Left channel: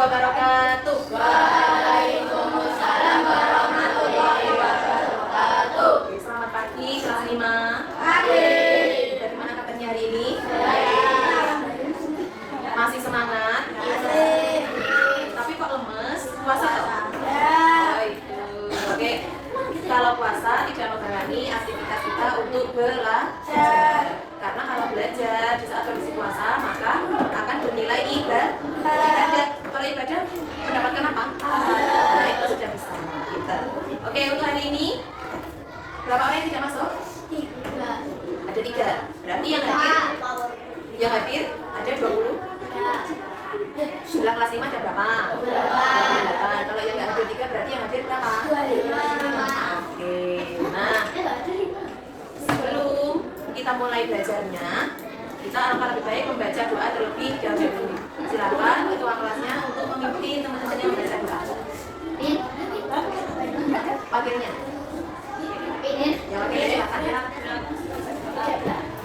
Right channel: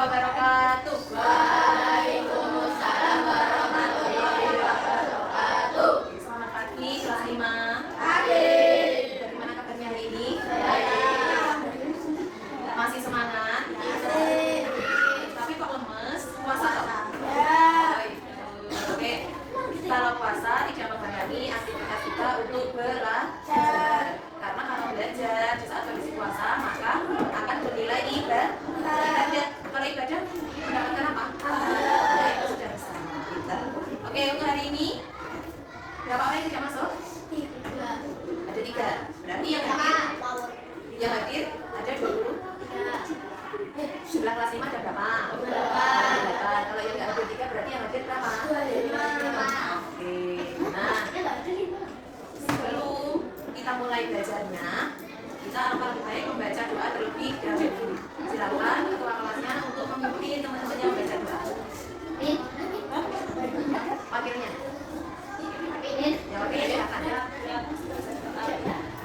wabarakatuh. Waalaikumsalam warahmatullahi wabarakatuh. Selamat pagi kelas 5. Pagi. Dari mana katanya hari ini? Baik. Masih semangat? Masih. Tapi kok lemes? Puasa toh? Ya. Baik. Oke. Kalau puasa tidak menghalangi aktivitas kita untuk belajar. Karena kalau belajar di saat kondisi puasa maka akan bernilai ibadah. Kalau ibadah mendapatkan apa? Nah, itu sudah bersama kita. Oke, untuk hari ini berapa orang yang tidak masuk? 3. Ada 3. Berarti yang hadir ada 20. Jumlah kelas 5 ada berapa? 8. Kalau yang nggak hadir 3 berarti yang hadir berapa? 25. Oke. Nah, sebelum kita mulai belajarnya, kita alangkah lebih baik membaca doa terlebih dahulu. Silakan ketua kelasnya untuk memimpin teman-temannya membaca doa. Wakilnya. Ya, wakilnya silakan.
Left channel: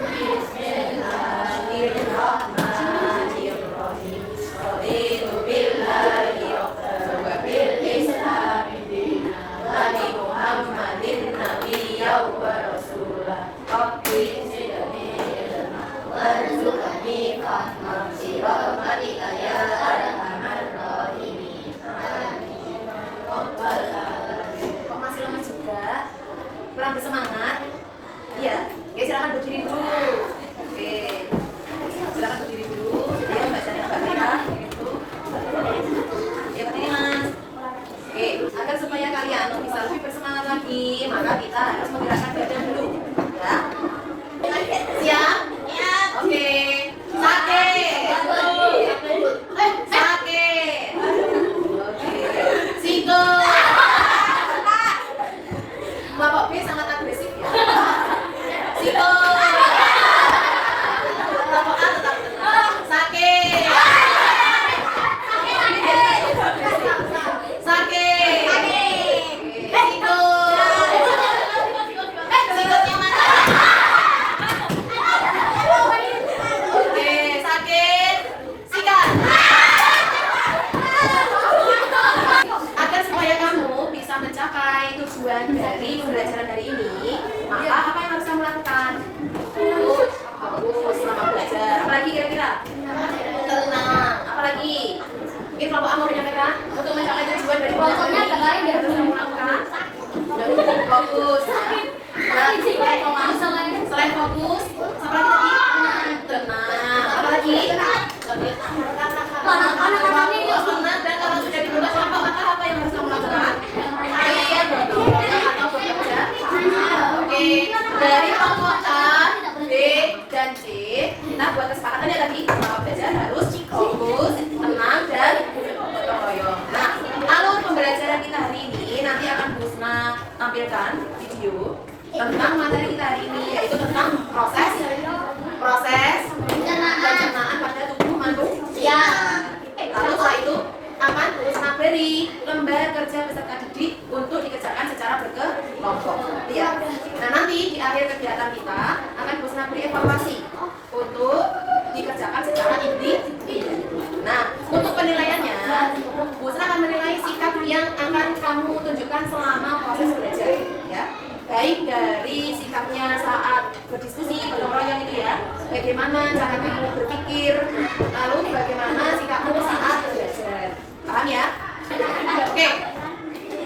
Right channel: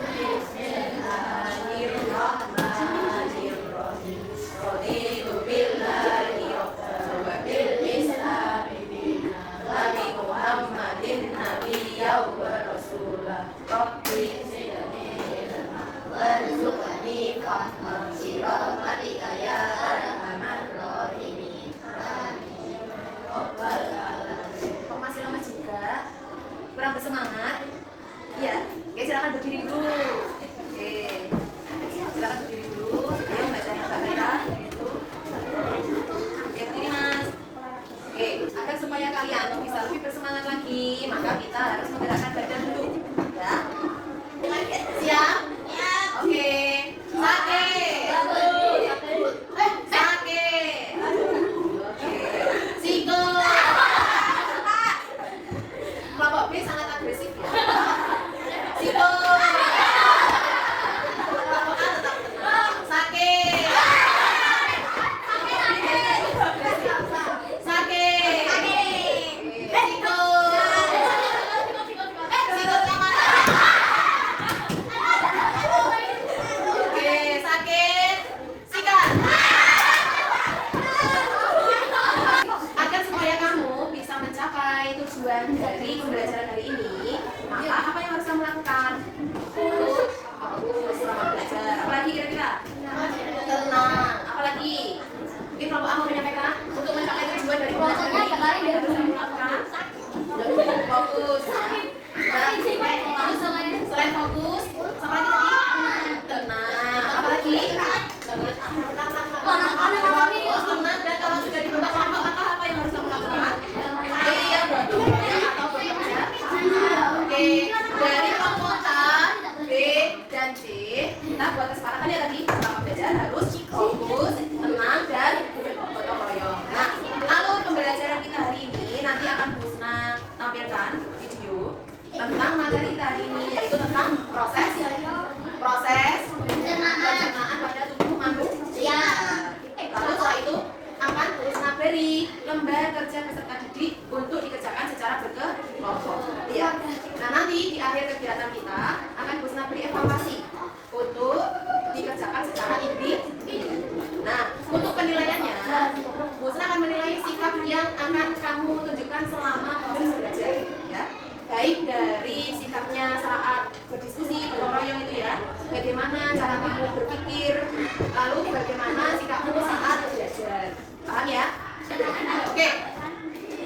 Bismillahirrahmanirrahim. Raditu billahi rabban wa bil islami dinan wa bi Muhammadin nabiyyan wa rasulah. Rabbi zidni ilma warzuqni fahman bi rahmatika ya arhamar rahimin. Amin. Rabbal alamin. Kok masih lemas juga? Kurang bersemangat? Iya. Oke, silakan berdiri dulu. Oke. Silakan berdiri dulu. Ya, bacanya Mbak Naira. Ya, berdiri Mas. Oke, agar supaya kalian bisa lebih bersemangat lagi, maka kita harus menggerakkan badan dulu. Ya. Siap? Siap. Oke. Sakit. Sakit. Oke. Sikut. Kelompok B sangat agresif ya. Sikut. Kelompok A tetap tenang. Sakit. Sakit. Sikutnya mana? Oke, sakit. Sikat. Agar supaya kamu bisa mencapai tujuan dari pembelajaran hari ini, maka apa yang harus kamu lakukan? Fokus selama belajar. Apalagi kira-kira? Tenang. Apalagi? Mungkin kelompok A mau menyampaikan untuk mencapai tujuan dari pembelajaran ini harus kamu lakukan. Fokus. Selain fokus, apa lagi tadi? Tenang. Apalagi? Tenang, dan kalau sudah dibentuk kelompok, maka apa yang harus kamu lakukan? Kalian berdoa atau bekerja. Oke, dari kelompok A, B, dan C, kita buat kesepakatannya tadi selama belajar harus fokus, tenang, dan gotong royong. Nah, alur pembelajaran kita hari ini nanti akan Bu Husna tampilkan video tentang materi kita hari ini, yaitu tentang proses pencernaan pada tubuh manusia. Lalu setelah itu akan Bu Husna beri lembar kerja peserta didik untuk dikerjakan secara berkelompok. Ya. Nah, nanti di akhir kegiatan kita akan Bu Husna beri evaluasi untuk dikerjakan secara individu. Nah, untuk penilaiannya, Bu Husna akan menilai sikap yang akan kamu tunjukkan selama proses belajar, ya. Baik dari sikapnya saat berdiskusi, gotong royong itu ya, bagaimana cara kamu berpikir, lalu bagaimana sikapmu saat belajar. Paham ya? Oke.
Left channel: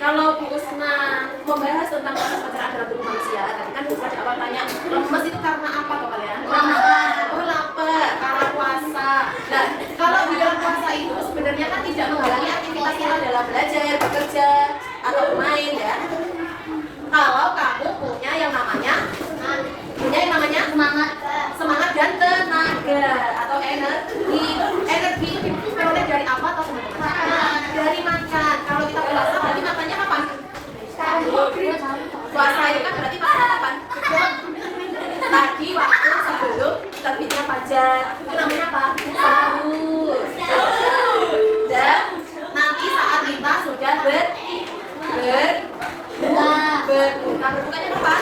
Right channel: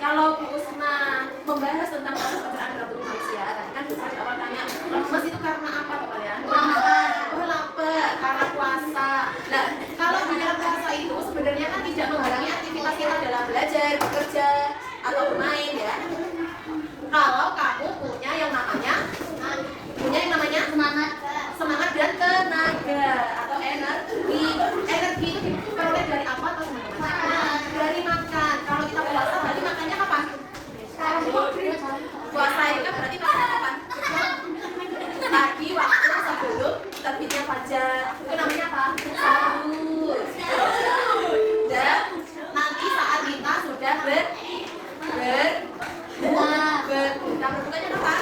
Kalau Bu Husna membahas tentang proses pencernaan dalam tubuh manusia, tadi kan Bu Husna di awal tanya, lemes itu karena apa kok kalian? Lapar, karena puasa. Nah, kalau di dalam puasa itu sebenarnya kan tidak menghalangi aktivitas kita dalam belajar, bekerja, atau bermain ya. Kalau kamu punya yang namanya semangat dan tenaga atau energi. Energi itu diperoleh dari apa atau teman-teman? Dari makan. Kalau kita puasa berarti makannya kapan? Puasa itu kan berarti makannya kapan? Tadi waktu sebelum terbitnya fajar. Itu namanya apa? Sahur. Dan nanti saat kita sudah berbukanya kapan?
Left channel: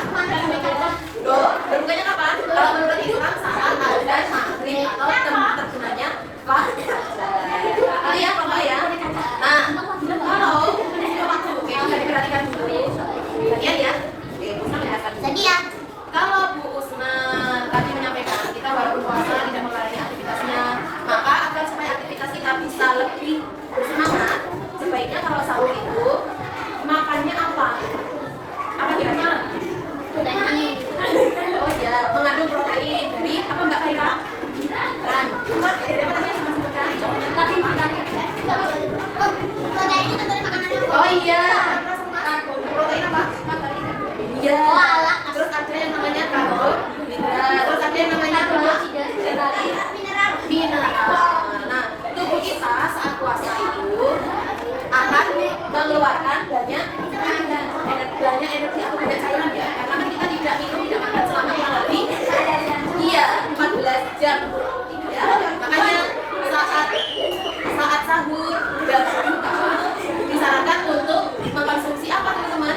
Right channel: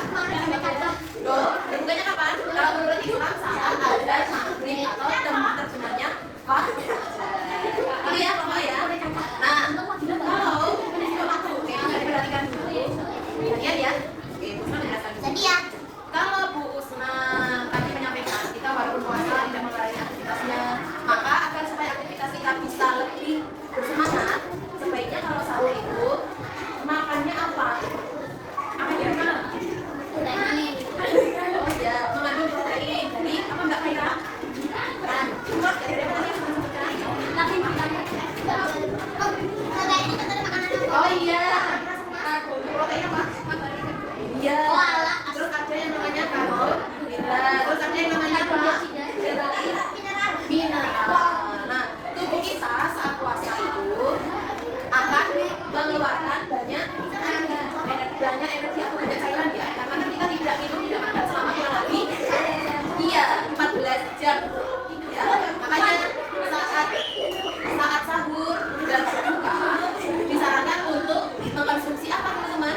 Berbukanya kapan? Kalau menurut Islam saat ada maghrib atau terjemahnya fajar. Iya, Bapak ya. mengeluarkan banyak energi atau banyak cairan ya, karena kan kita tidak minum tidak makan selama kurang lebih 14 jam ya. Makanya saat sahur dan berbuka disarankan untuk mengkonsumsi apa teman-teman?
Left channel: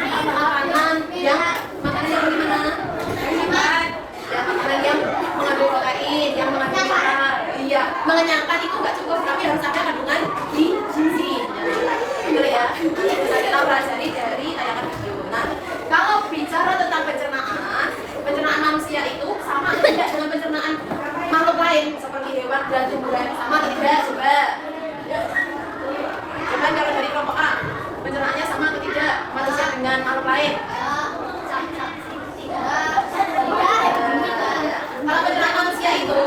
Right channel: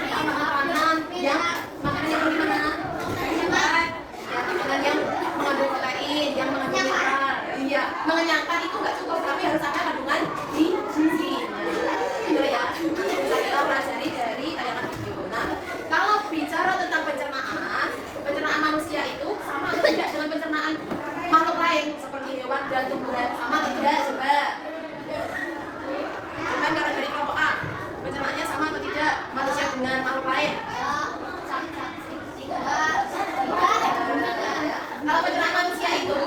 Makanan yang gimana? Ya, makanan yang mengandung protein, yang mengandung lemak. Iya, mengenyangkan itu nggak cukup, tapi harus ada kandungan gizi. Betul ya? Kita pelajari dari tayangan video. Nah, kalau bicara tentang pencernaan manusia itu sama atau tidak dengan pencernaan makhluk lain seperti hewan dan tumbuhan, sama atau tidak? Coba. Coba kalau dari kelompok A, pencernaannya sama atau tidak manusia dengan makhluk lain? Kalau pencernaan manusia itu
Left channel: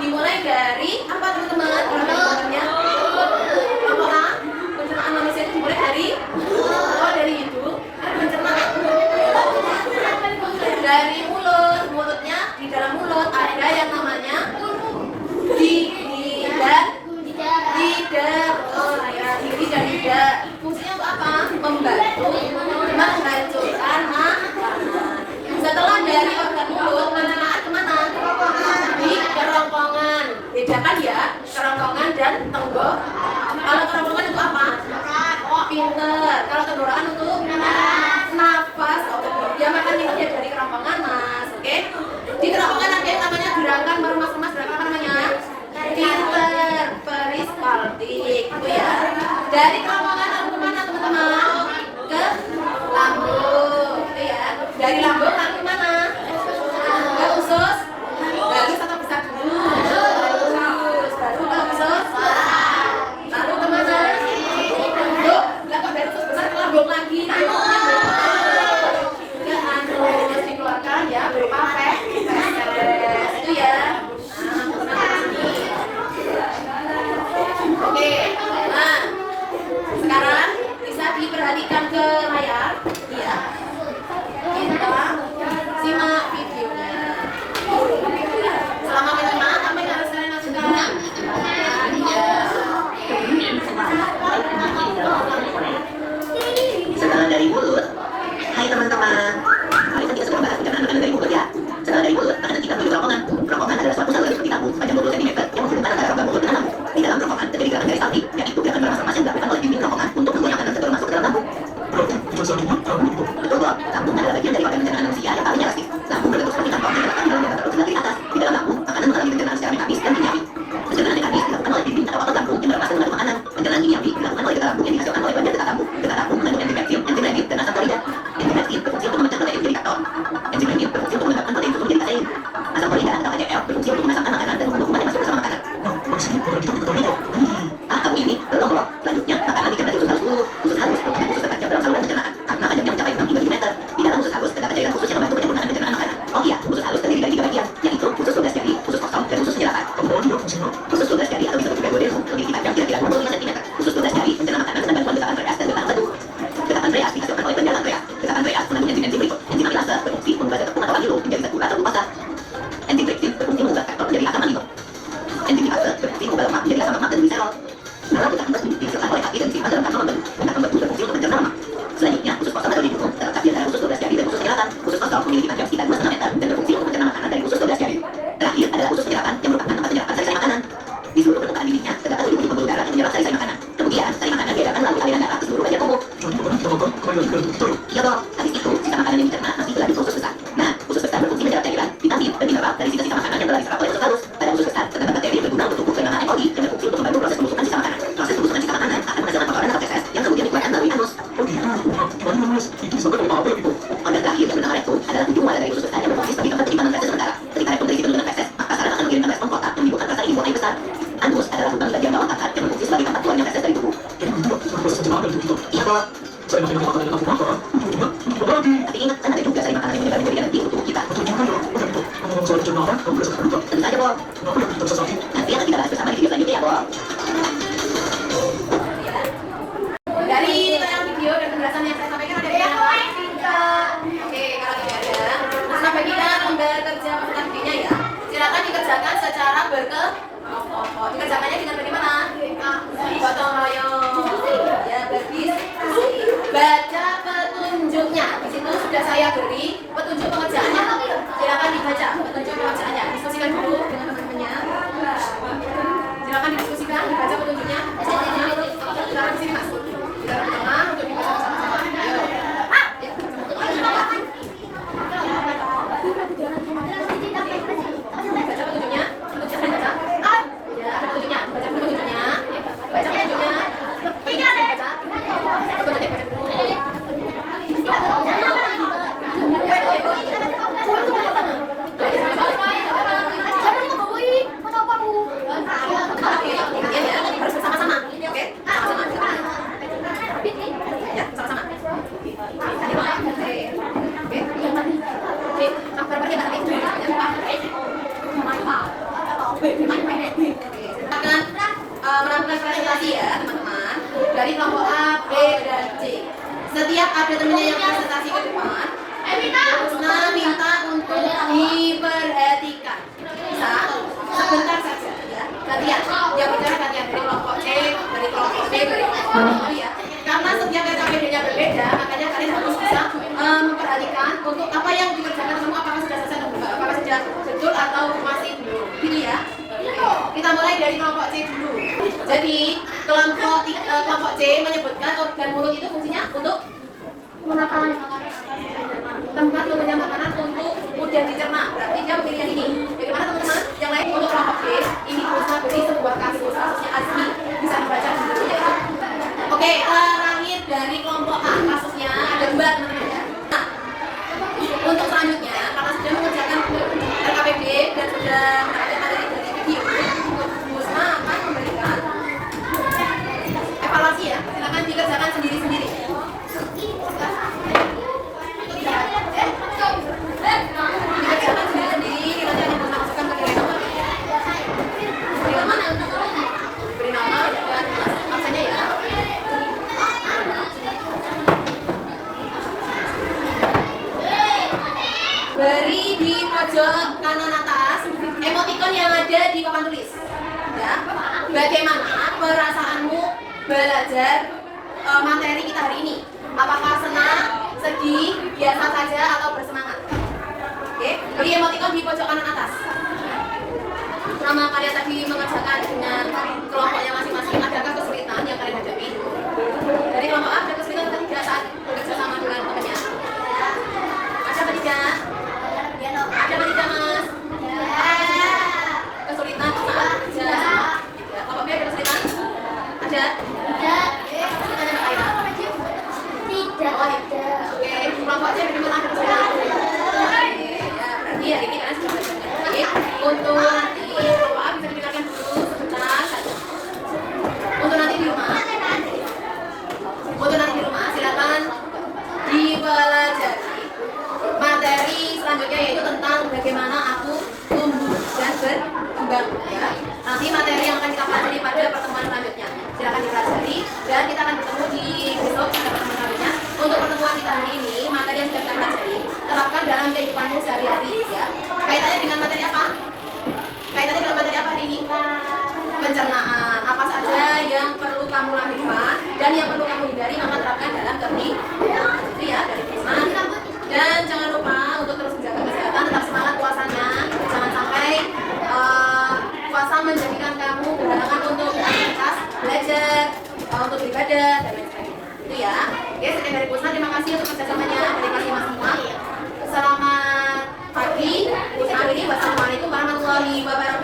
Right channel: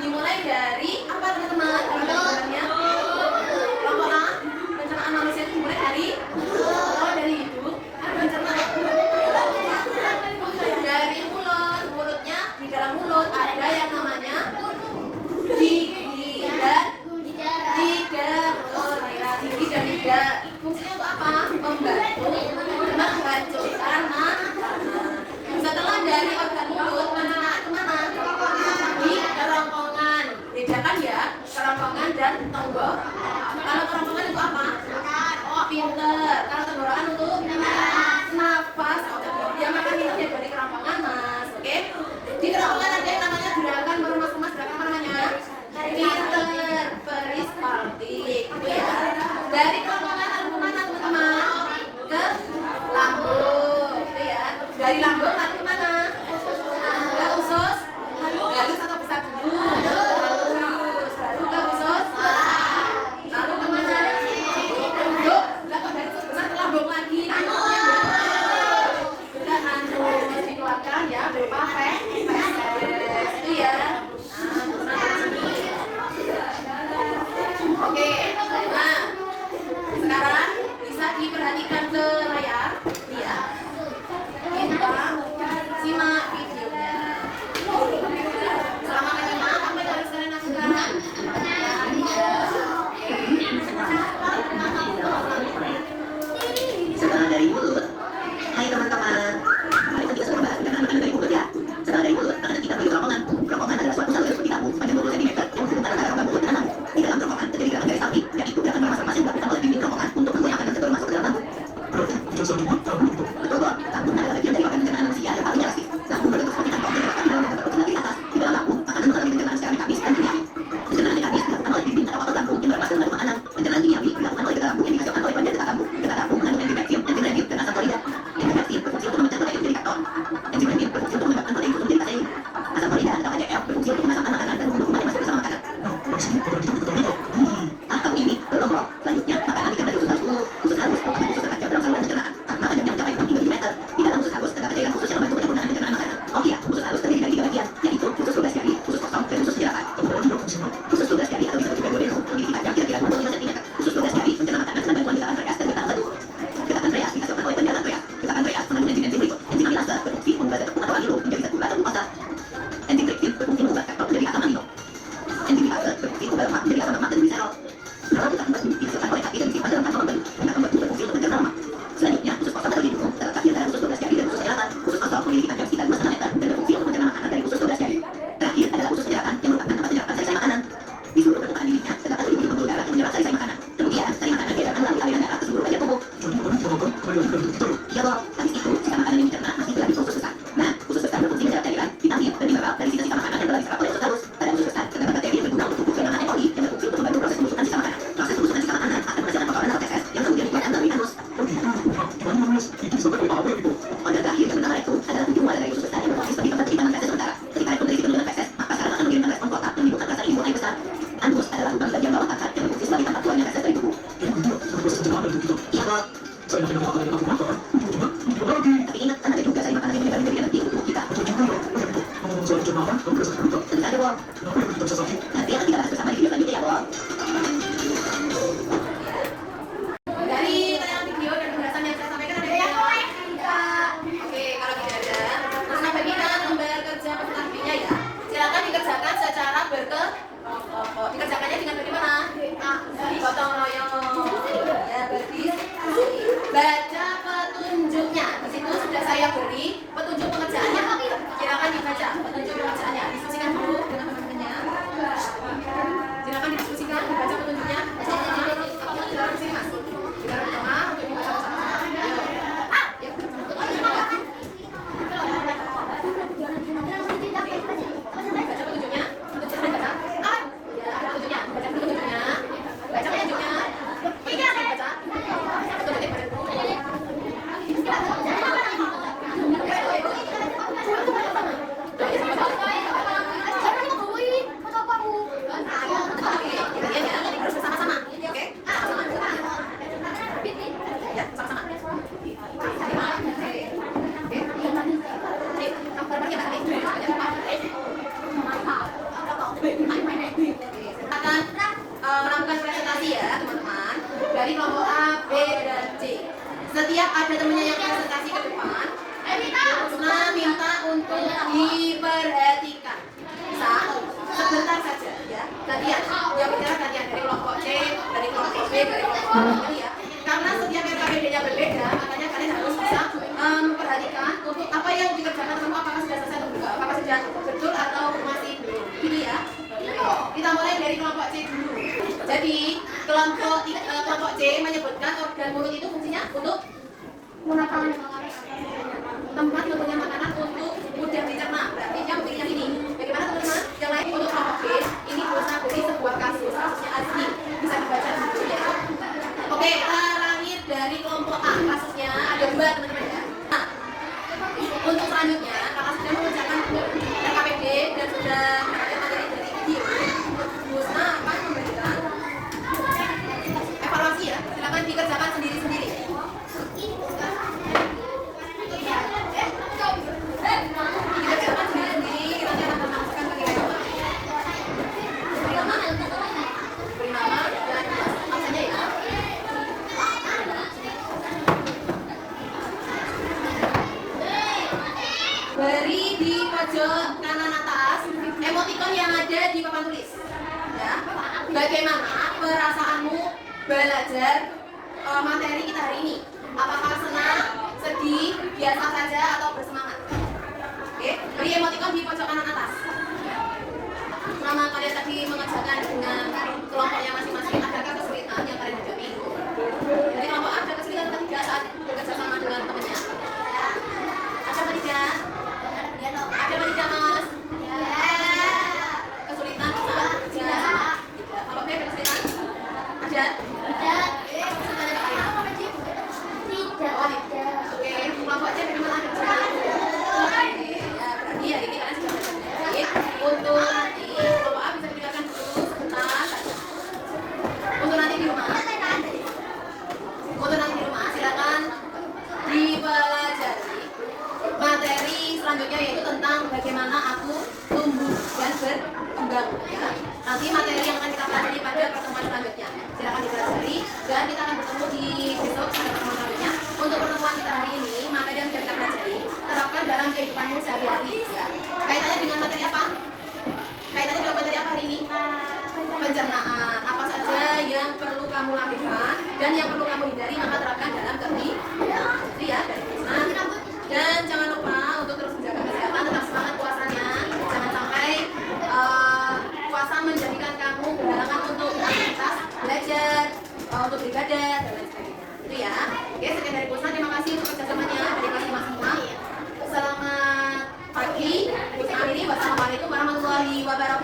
dimulai dari apa teman-teman? Kalau dari gambarnya kelompok A, pencernaan manusia itu dimulai dari hidung. Pencernaan dari mulutnya, di dalam mulut ada yang namanya gigi dan lidah. Gigi dan lidah fungsinya untuk apa? Membantu menghancurkan makanan. Setelah dari organ mulut, pencernaan kemana? Di kerongkongan. Bedakan ya, kerongkongan dan tenggorokan. Kalau kerongkongan itu apa? Pinter. Kalau tenggorokan untuk nafas. Ya makan minumnya dari kerongkongan, Mas. Oke? Di kerongkongan ada yang namanya gerakan meremas-remas. Gerakan apa namanya? Pinter, peristaltik. Itu ya. Dari kerongkongan lalu kemana teman-teman? Ke lambung. Itu ya. Dari lambung lalu kemana? Ke usus. Halus atau besar dulu? Halus. Baru ke usus. Lalu kemana? Yuk, belakang dari usus besar ke lambung lagi. Ke anus dikeluarkan ya berupa feses. Itu ya. Oke. Nah, sekarang bisa diperhatikan ke layar. Iya. Kita simak videonya. Selamat menyimak apa yang harus kalian lakukan. Setelah dari mulut, hai teman-teman. Kali ini kita semua bahas makanan dari mulut ya. Setelah dari mulut, makanan kita menuju kerongkongan. Kerongkongan adalah suatu saluran seperti tabung panjang 20 cm yang menghubungkan antara rongga mulut dengan lambung. Di dalam kerongkongan terjadi gerakan peristaltik, yaitu gerakan meremas-remas yang dilakukan oleh dinding kerongkongan untuk membuat makanan tersebut masuk ke dalam lambung. Betul, Bob. Lambung adalah bagian dari organ pencernaan manusia yang paling elastis. Lambung berbentuk seperti kantong yang terletak di dalam rongga perut sebelah kiri atas. Di dalam lambung, makanan mengalami pencernaan secara mekanis dan kimiawi. Pencernaan mekanis dilakukan oleh dinding atau otot lambung yang meremas dan mengandung makanan. Pencernaan kimiawi dilakukan oleh getah lambung yang dihasilkan oleh bagian getah lambung. Getah lambung mengandung enzim peptin, enzim renin, dan asam klorida. Enzim peptin berfungsi untuk memecah protein menjadi kaktor. Enzim renin berfungsi untuk menyebabkan protein susu menjadi kasein. Asam klorida atau HCl berfungsi untuk memasakkan makanan dan membentuk kuman yang masuk bersama makanan. Kamu ini belum loh. Selanjutnya, makanan dikenal dari usus halus dulu. Usus halus merupakan usus terpanjang dalam saluran pencernaan karena panjangnya mencapai 6 hingga 7 meter. Di dalam usus halus terdapat cairan khusus yang membantu penyempurnaan pencernaan makanan. Oh iya, usus halus terdiri dari 3 bagian, yaitu usus 12 jari, usus kosong, dan usus penyerapan. Usus 12 jari atau disebut juga duodenum memiliki panjang kira-kira 25 cm. Usus 12 jari mencerna makanan dengan bantuan getah pankreas dan getah empedu. Getah pankreas dihasilkan oleh penjara pankreas. Getah pankreas mengandung enzim-enzim berikut. Enzim amilase berfungsi mengubah zat tepung atau amilo menjadi zat gula atau glukosa. Enzim trypsin berfungsi mengubah faktor menjadi asam amino. Enzim lipase berfungsi mengubah lemak menjadi asam lemak dan gliserol. Kalau getah empedu dihasilkan oleh hati dan disimpan dalam kantong empedu. Getah empedu berfungsi untuk mencerna lemak. Selanjutnya, usus kosong atau didukung terletak di antara usus 12 jari dan usus penyerapan. Usus kosong memiliki panjang sekitar 2,5 meter dan berfungsi untuk mencerna makanan dari usus 12 jari. Terakhir adalah usus penyerapan yang merupakan tempat penyerapan sari-sari makanan. Di seluruh permukaan bibirnya terdapat 7 pembuluh darah yang menyerap sari-sari makanan. Kemudian, sari makanan diedarkan melalui aliran darah ke seluruh bagian tubuh. Iya dong, habis itu sisa makanan yang dicerna masih berlanjut ke usus besar. Nah, usus besar berfungsi menyerap cairan, vitamin, dan mineral dari sisa-sisa makanan yang telah diserap oleh usus halus. Pada usus besar terdapat bakteri yang berguna untuk tumbuh kelimbangan ekologi yang berfungsi untuk membantu proses pembusukan sisa makanan. Proses pembusukan sisa makanan akan menghasilkan kotoran atau feses yang kemudian dikeluarkan melalui anus. Organ terakhir yang bernama rektum adalah ujung muara dari usus besar yang berfungsi sebagai tempat penyimpanan feses sementara. Ketika rektum terisi penurunan feses, maka saraf akan mengirimkan respon kontak yang menimbulkan rasa ingin buang air besar. Anus adalah lubang bagian bawah akar yang berfungsi sebagai tempat keluarnya feses dari tubuh. Iya kok. Tapi ingat, kan ada juga sari makanan yang menyebar menjadi energi untuk tubuh kita. Tentu saja, Bob. Nanti akan kita bahas bersama di video selanjutnya ya, Bob. Dari tayangan video dan penjelasan yang saya sampaikan ada yang lain? Oke, kalau tidak ada, nah bagikan lembar kerja peserta dirinya ya. Silakan dikerjakan secara berkelompok. Dikerjakannya dengan bagaimana? Gotong royong. Ya, bagi gantian. Yang bicara gantian dari kelompok C, dari kelompok B, dari kelompok D ya. Karena setiap PKPD-nya berbeda, makanya kalian harus bisa memperhatikan untuk apa yang dikerjakan kamu, apakah sudah selesai atau enggak, apakah sudah betul atau masih belum. Gitu ya. Kita mulai dari kelompok C dulu. Jadi kelompok C menyebutkan organ mulut itu fungsinya untuk mengapa tempat memberikan makanan untuk mudah dicerna. Berarti dia memilih yang ini. Bagaimana teman-teman? Yang lain untuk kelompok B, ini bisa beri sebuah kasus kasusnya asli, bisa dibaca di situ ya. Oke, terakhir dari kelompok A kasusnya ada 2 teman-teman ya. Nah, untuk selanjutnya karena sudah mengerjakan RKPD dan sudah mendapatkan materi dari video, Busna akan memberikan evaluasi ya. Silakan dikerjakan sendiri-sendiri. Dikerjakan sendiri-sendiri, nanti akan Busna masukkan ke nilai nomor. Beri nama dan absennya ya. Beri di pojok kanan atas emoticon yang ada di papan tulis. Ya. Bagaimana perasaanmu belajar materi kita hari ini? Apakah senang, sedih, biasa saja atau bersemangat? Oke, beri emoticon di pojok kanan atas. Selama kalian tadi mengerjakan dengan kelompoknya masing-masing, adakah kesulitan yang kalian hadapi? Dari kelompok A ada kesulitan atau tidak saat bekerja sama dengan temannya? Ada apa tidak? Ada apa tidak, Mas? Kesulitan saat bekerja sama? Tidak. Kelompok B ada kesulitan? Ada? Kesulitannya apa lain? Tidak ada. Oke, kelompok C bagaimana ada kesulitan? Ya, berarti ya ini kalian sudah belajar dengan baik. Untuk nanti kelompok A bisa didengarkan dulu sebentar saja. Untuk nanti di rumah silakan dipelajari materi selanjutnya, yaitu tentang bagaimana aku tumbuh dan berkembang ya. Nanti materi yang akan kita pelajari pada pertemuan selanjutnya silakan dipelajari, dan kita akan bertemu di besok pada pertemuan selanjutnya. Untuk pertemuan kita hari ini, materi yang sudah kita pelajari terapkan dalam kehidupanmu sehari-hari ya. Kaitannya dengan materi apa? Kaitannya dengan materi apa hari ini? Pencernaan. Apa saja yang perlu kamu lakukan dan yang perlu kamu hindari, maka terapkan dalam kehidupan ya, dari teman. Dan jangan lupa untuk terus menjaga kesehatan, tetap semangat puasanya. Jangan sampai puasa menjadikan kamu berhalangan untuk aktivitas belajar, untuk beribadah dan lain sebagainya. Itu ya. Oke, sekian dari Pusna. Terima kasih untuk kerjasamanya dari kelas 5 semua. Selamat pagi. Pusna ini. Wassalamualaikum warahmatullahi wabarakatuh.